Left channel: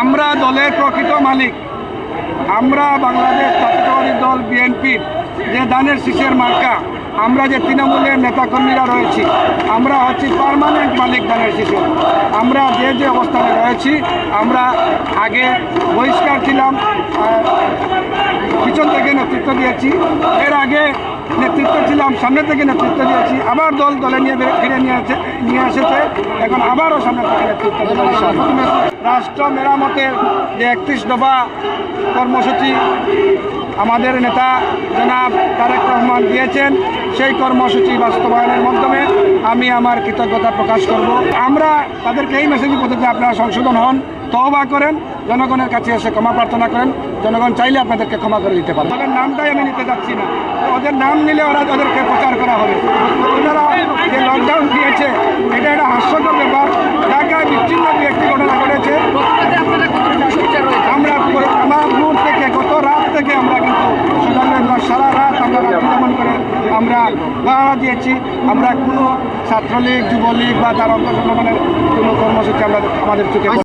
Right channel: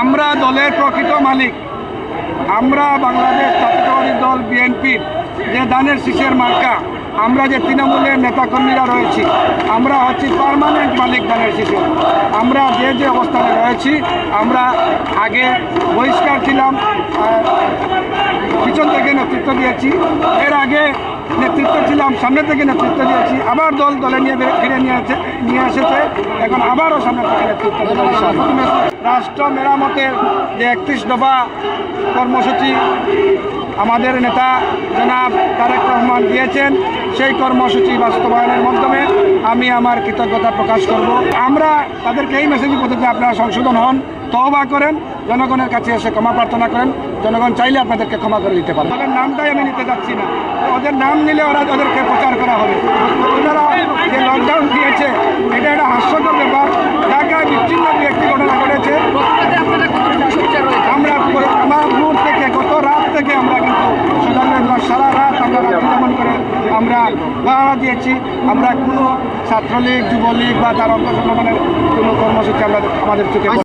আমরা দলের প্রকৃত মালিক। আমরা বাংলাদেশ জাতীয়তাবাদী দল বিএনপির যে ধানের শীষের মার্কা, আমরা যে তৃণমূলের নেতাকর্মীরা রয়েছি, আমরা হচ্ছি পার্মানেন্ট মালিক ধানের শীষের। আমরা যে অবস্থানে রয়েছি, আমরা আগে বহিষ্কার ছিলাম, পিছন থেকে নেতৃত্ব দিয়েছি, এর আগে নেতৃত্ব ছিলাম, সামনে থেকে নেতৃত্ব দিয়েছি, আবার দলে নিয়ে ফিরে নিয়ে এসেছে, এখন আবারও সামনে থেকে নেতৃত্ব দিয়েছে। রাষ্ট্র মেরামতের যে 31 দফা কর্মসূচি আমাদের নেতা জনাব তারেক রহমান দিয়েছেন, সেই কর্মসূচি বাস্তবায়নের মাধ্যমে আমি আমার কৃতজ্ঞতা প্রকাশ করব। আমরা তাদেরকে এই মেসেজই বলতে চাই, আপনারা সংশোধন হন, তওবা করেন, জনগণের কাছে এসে ক্ষমা প্রার্থনা করেন। জনগণ চাইলে আপনাদেরকে ক্ষমা করে দিতে পারে। ওদের নামটাই আমি নিতে যাচ্ছি না, ওদের নাম নিলে ওদেরকে প্রচার করা হবে। ওনারা যে লকডাউন দিয়েছে, এটা একটা হাস্যকর ব্যাপার। ঢাকায় বিচ্ছিন্ন একটি ঘটনা ঘটেছে। আমরা আমার ভোর থেকে গত রাত থেকে আমরা কিন্তু সারা রাত আমরা দমন করে আমরা পাহারা দিয়েছি। আমরা কোনো ছাত্রলীগ, যুবলীগ বা তার অঙ্গ সংগঠনের কোনো কর্মসূচি আমাদের চোখে